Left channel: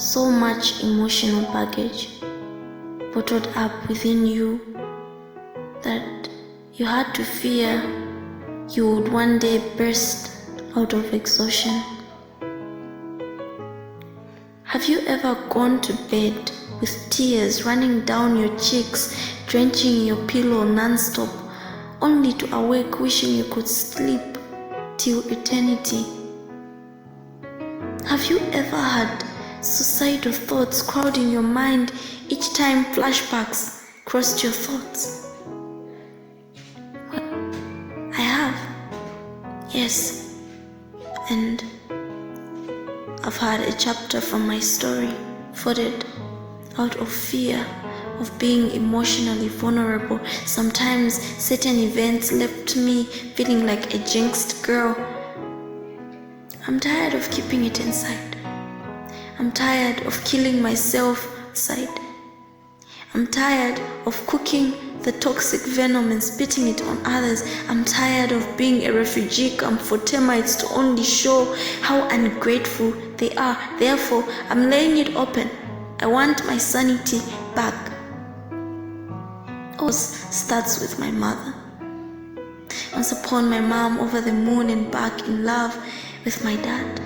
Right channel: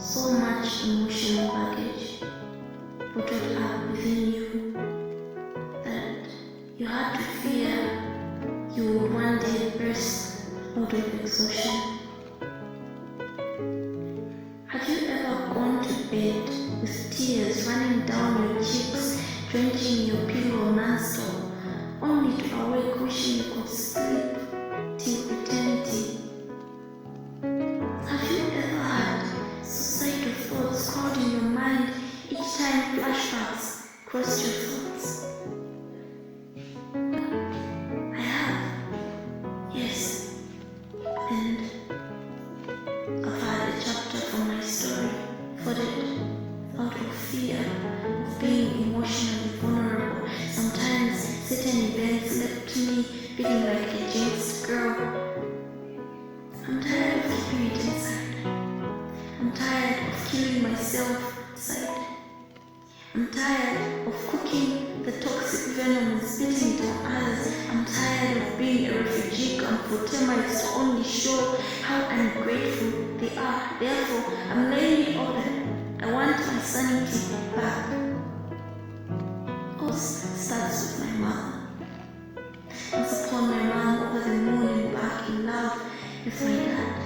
So much emotional baggage bottled up within you that you had to fear you would one day burst out of exhaustion. Have you ever gone to bed with tears running down your cheeks, drenching your pillow non-stop, only to awake wishing you could sleep till eternity? Have you ever had suicidal thoughts crowding your mind each time flashbacks crossed your thoughts? What? I have. Yes. And I've had a chapter from my story folded out of fear of being emotionally vulnerable. Sometimes certain events left me feeling like a jinxed girl. I'm tired of keeping it inside. I'm tired of killing myself inside. I'm tired of cooking the toxic venom and spitting it on others. I'm tired of being a refugee camp for termites to only show how ungrateful they are. Therefore, I'm laying it open. I want my sanity back. It starts with my mother. Once upon my mom over the moon and back in love with my dad.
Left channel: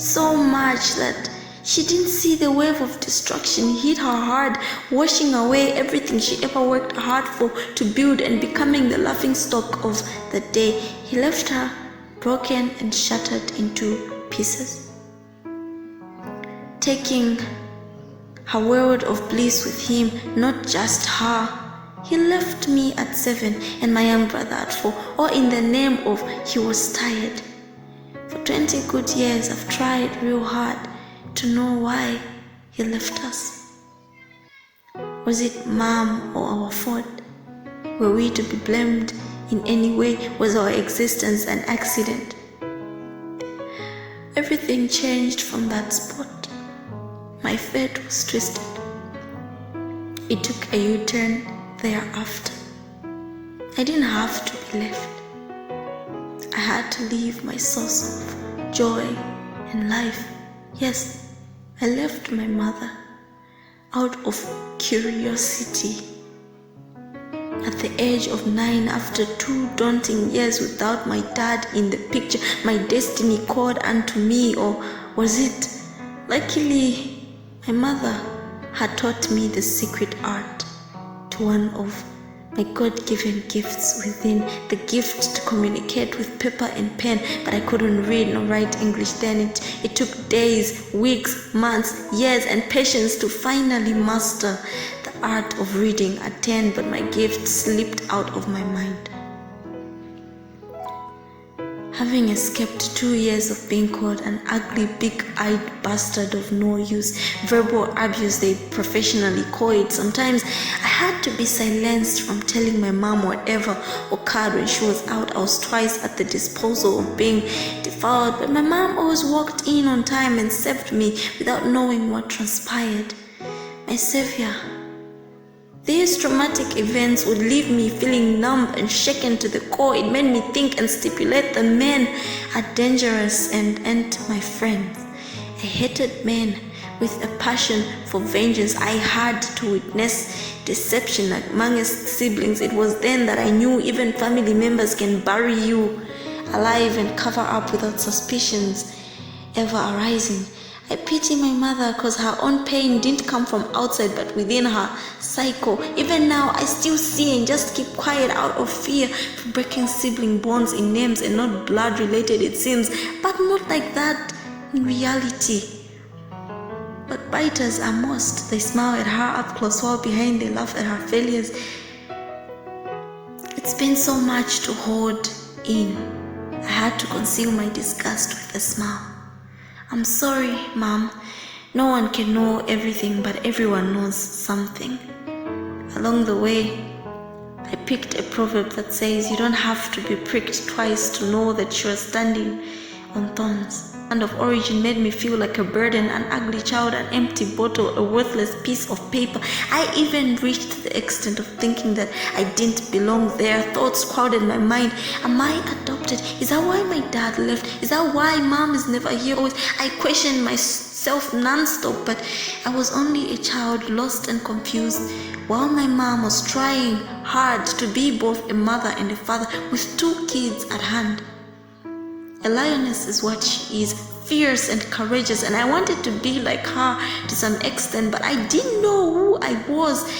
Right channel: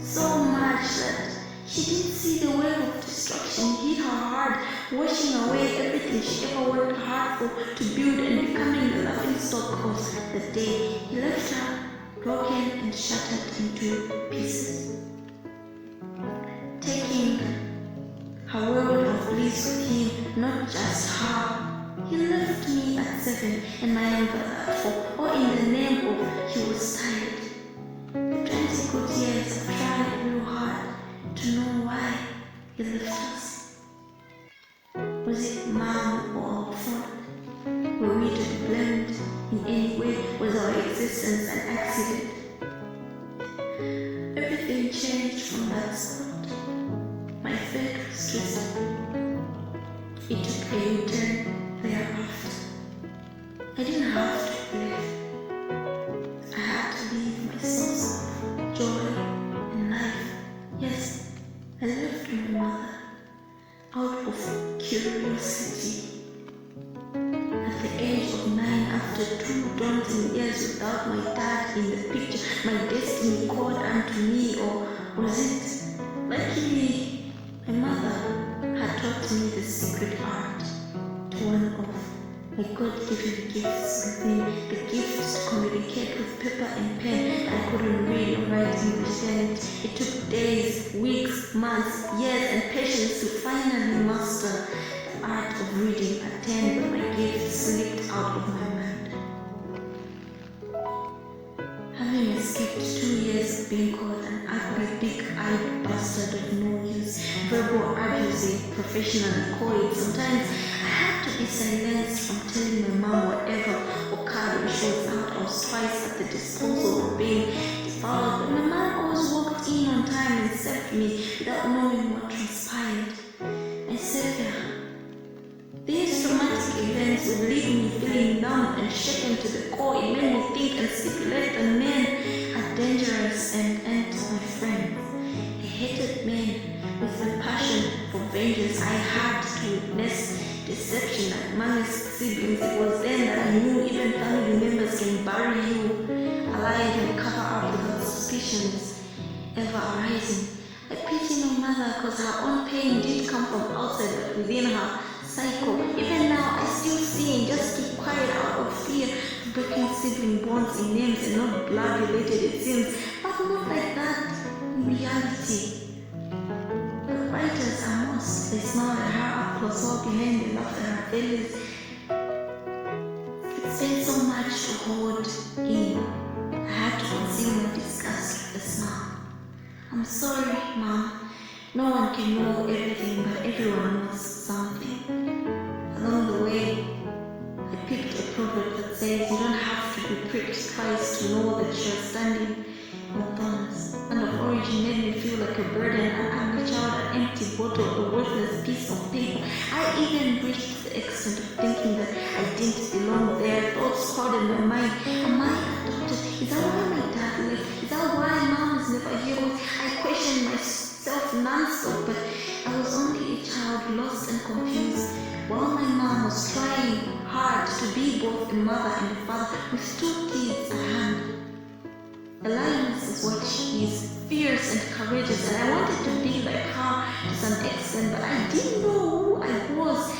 So much that she didn't see the wave of destruction hit her hard, washing away everything she ever worked hard for to build and becoming the laughingstock of the day. He left her broken and shattered into pieces. Taking her world of bliss with him, not just her. He left me at 7 and my young brother at 4, all in the name of he was tired. For 20 good years I've tried real hard to know why he left us. Was it mom or our fault? Were we to be blamed in any way? Was our existence an accident? Everything changed from that spot. My fate was twisted. It took a U-turn thereafter. I didn't have to be left. I had to leave my source of joy and life. Yes, I left my mother out of curiosity. At the age of 9, after 2 daunting years without my dad in the picture, my destiny called unto me, or was it? Luckily, my mother had taught me the secret art to one of my God-given gifts within, the gift to communicate with paper and pen, but I couldn't read nor write English then. It took days, weeks, months, years, and patience to finally master the art of reading at 10, but my gift slipped out of my mind. Having escaped 2 years of being called an ugly, big-eyed bastard of no use, verbal abuse they professionally call it, sometimes I had to be silenced from telling my mom whatever occurred when she was out. I was twice at the disposal of being defiled, but my mom always walked in on time and saved me without knowing what transpired. My savior. These traumatic events would leave me feeling numb and shaken to the core. It made me think and stipulate that men are dangerous and my friends. I hated men with a passion for vengeance. I had to witness deception amongst siblings. It was then that I knew even family members can bury you alive and cover up without suspicions ever arising. I pity my mother because her own pain didn't come from outside but within her cycle. Even now, I still see and just keep quiet out of fear for breaking sibling bonds in names and not blood related, it seems, but not like that in reality. But biters are most. They smile at her up close while behind they laugh at her failures. It's been so much to hold in. I had to conceal my disgust with a smile. I'm sorry, Mom. No one can know everything, but everyone knows something. Along the way, I picked a proverb that says you don't have to be pricked twice to know that you are standing on thorns. And of origin made me feel like a burden, an ugly child, an empty bottle, a worthless piece of paper. I even reached the extent of thinking that I didn't belong there. Thoughts crowded my mind. Am I adopted? Is that why my dad left? Is that why Mom is never here? I questioned myself myself non-stop, but I was only a child, lost and confused, while my mom was trying hard to be both a mother and a father with 2 kids at hand. A lioness is what she is, fierce and courageous, and I wanted to be like her to some extent, but I didn't know who I was.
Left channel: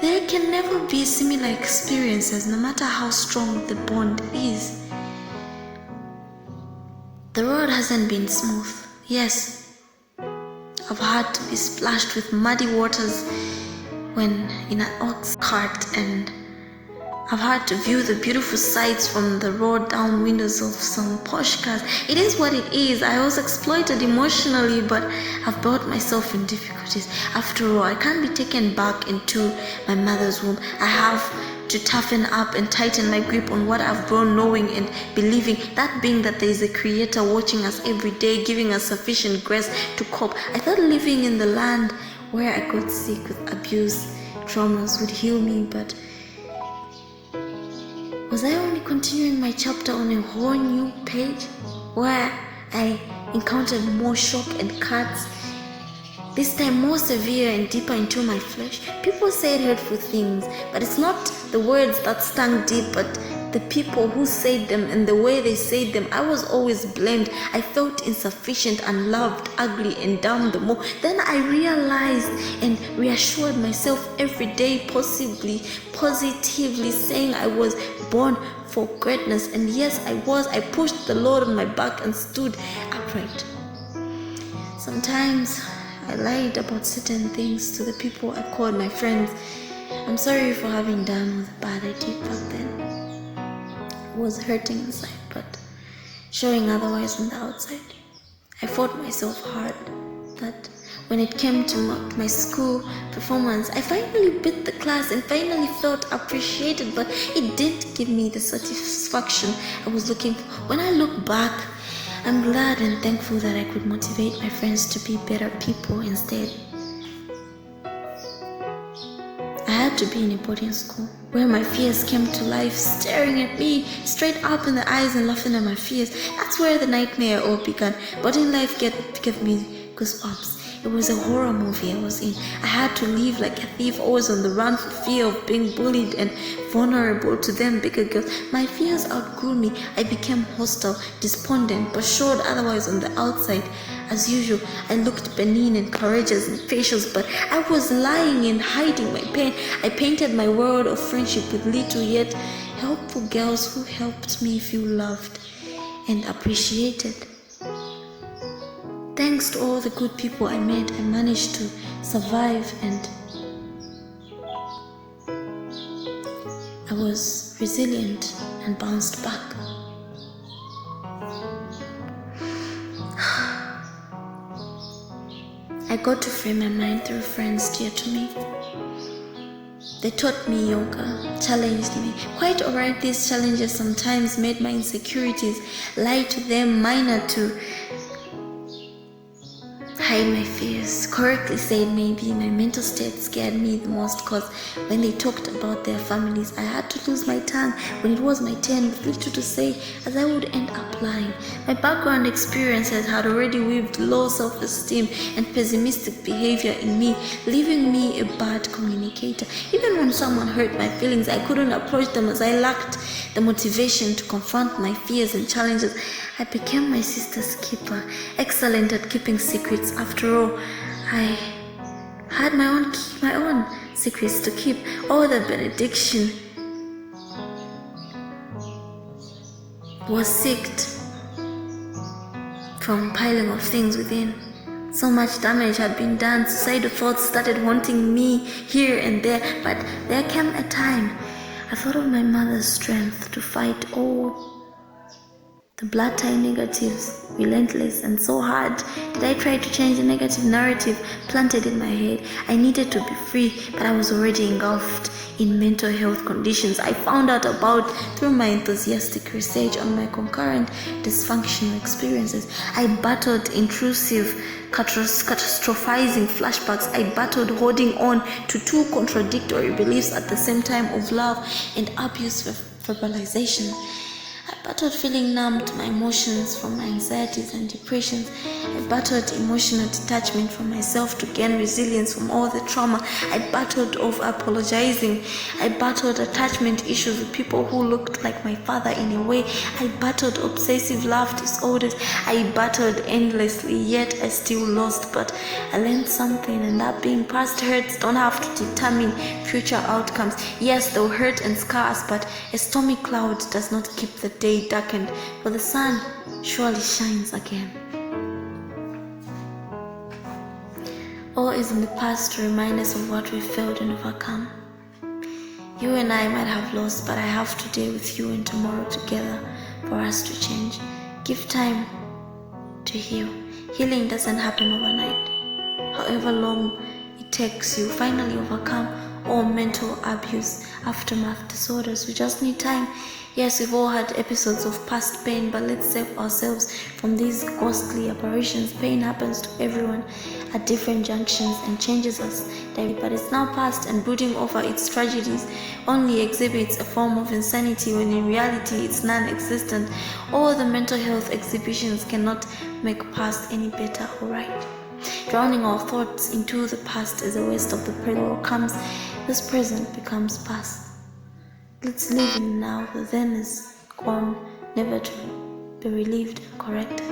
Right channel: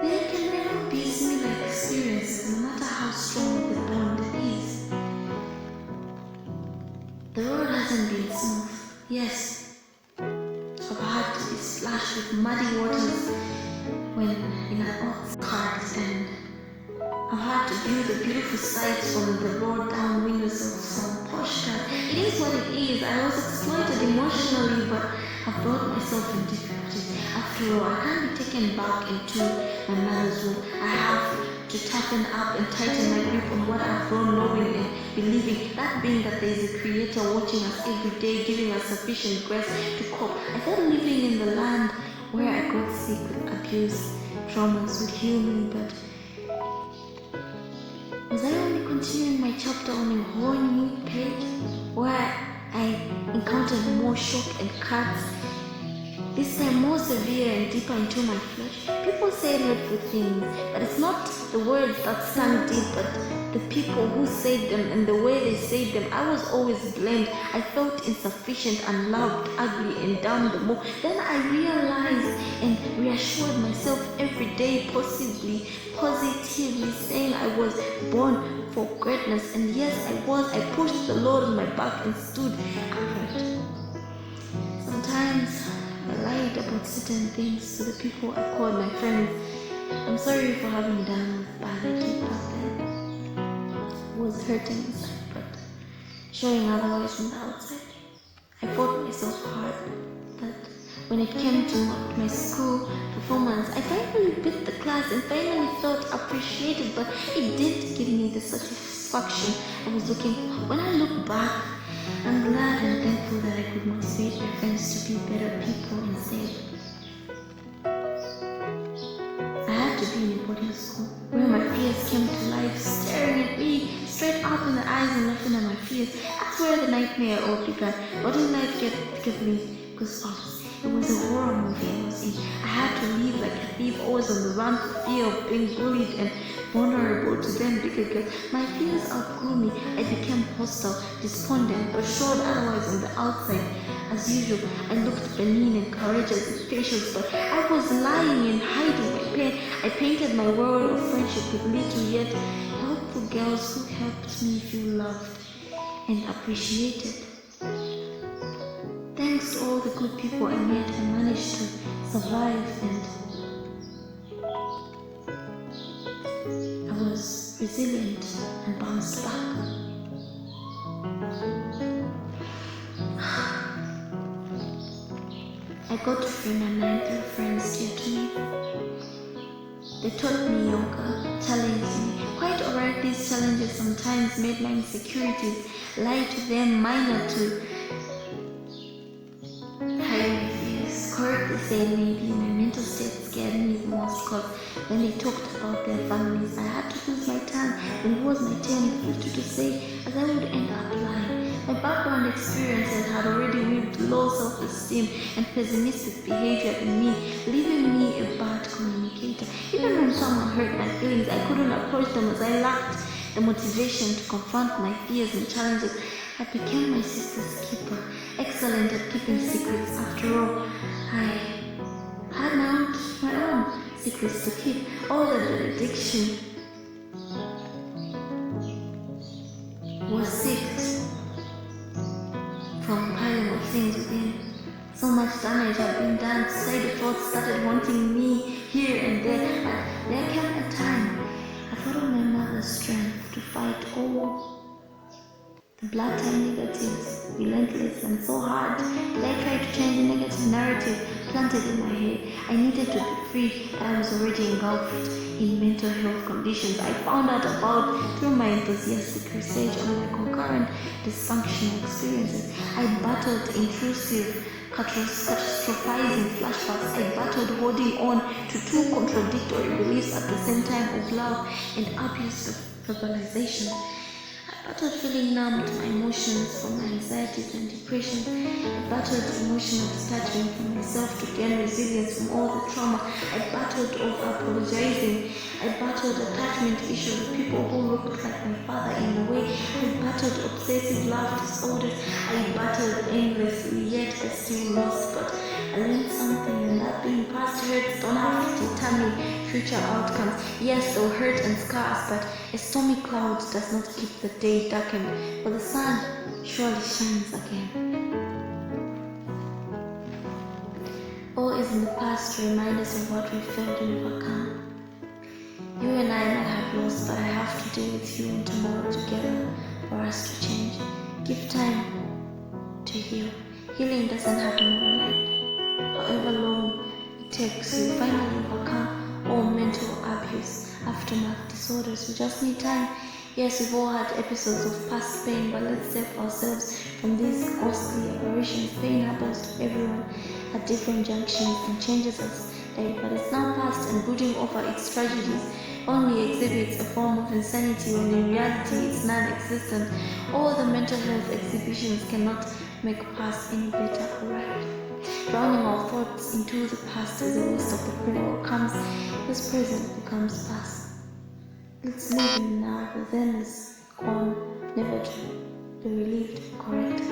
There can never be similar experiences, no matter how strong the bond is. The road hasn't been smooth. Yes, I've had to be splashed with muddy waters when in an ox cart, and I've had to view the beautiful sights from the road down windows of some posh cars. It is what it is. I was exploited emotionally, but I've brought myself in difficulties. After all, I can't be taken back into my mother's womb. I have to toughen up and tighten my grip on what I've grown knowing and believing, that being that there is a creator watching us every day, giving us sufficient grace to cope. I thought living in the land where I got sick with abuse, traumas would heal me, but was I only continuing my chapter on a whole new page where I encountered more shock and cuts, this time more severe and deeper into my flesh? People said hurtful things, but it's not the words that stung deep, but the people who said them and the way they said them. I was always blamed. I felt insufficient, unloved, ugly, and down the more. Then I realized and reassured myself every day, positively saying I was born for greatness. And yes, I was. I pushed the load on my back and stood upright. Sometimes I lied about certain things to the people I called my friends. I'm sorry for having done all the bad I did back then. I was hurting inside, but showing otherwise on the outside. I fought myself hard, but when it came to my school performance, I finally beat the class and finally felt appreciated, but it didn't give me the satisfaction I was looking for. When I look back, I'm glad and thankful that I could motivate my friends to be better people instead. I had to be in a boarding school where my fears came to life, staring at me straight up in the eyes and laughing at my fears. That's where the nightmare all began. Boarding life gave me goosebumps. It was a horror movie I was in. I had to live like a thief, always on the run for fear of being bullied and vulnerable to them bigger girls. My fears outgrew me. I became hostile, despondent, but showed otherwise on the outside. As usual, I looked benign and courageous in facials, but I was lying and hiding my pain. I painted my world of friendship with little yet helpful girls who helped me feel loved and appreciated. Thanks to all the good people I met, I managed to survive, and I was resilient and bounced back. I got to free my mind through friends dear to me. They taught me yoga, challenged me. Quite alright, these challenges sometimes made my insecurities lie to them, minor to hide my fears. Correctly said, maybe my mental state scared me the most, because when they talked about their families, I had to lose my tongue when it was my turn with little to say, as I would end up lying. My background experiences had already weaved low self-esteem and pessimistic behavior in me, leaving me a bad communicator. Even when someone hurt my feelings, I couldn't approach them as I lacked the motivation to confront my fears and challenges. I became my sister's keeper, excellent at keeping secrets. After all, I had my own secrets to keep. All the benediction was sicked from piling of things within. So much damage had been done. Suicidal thoughts started haunting me here and there, but there came a time I thought of my mother's strength to fight all the blood-tie negatives, relentless and so hard did I try to change the negative narrative planted in my head. I needed to be free, but I was already engulfed in mental health conditions I found out about through my enthusiastic research on my concurrent dysfunctional experiences. I battled intrusive, catastrophizing flashbacks. I battled holding on to 2 contradictory beliefs at the same time of love and abuse verbalization. I battled feeling numb to my emotions from my anxieties and depressions. I battled emotional detachment from myself to gain resilience from all the trauma. I battled over apologizing. I battled attachment issues with people who looked like my father in a way. I battled obsessive love disorders. I battled endlessly, yet I still lost. But I learned something, and that being past hurts don't have to determine future outcomes. Yes, they'll hurt and scar us, but a stormy cloud does not keep the day darkened, for the sun surely shines again. All is in the past to remind us of what we failed and overcome. You and I might have lost, but I have today with you and tomorrow together for us to change. Give time to heal. Healing doesn't happen overnight. However long it takes, you finally overcome all mental abuse, aftermath disorders. We just need time. Yes, we've all had episodes of past pain, but let's save ourselves from these ghostly apparitions. Pain happens to everyone at different junctions and changes us daily, but it's now past, and brooding over its tragedies only exhibits a form of insanity when in reality it's non-existent. All the mental health exhibitions cannot make past any better or right. Drowning our thoughts into the past is a waste of the present. What comes this present becomes past. Let's live in now. The then is gone, never to be relieved and corrected.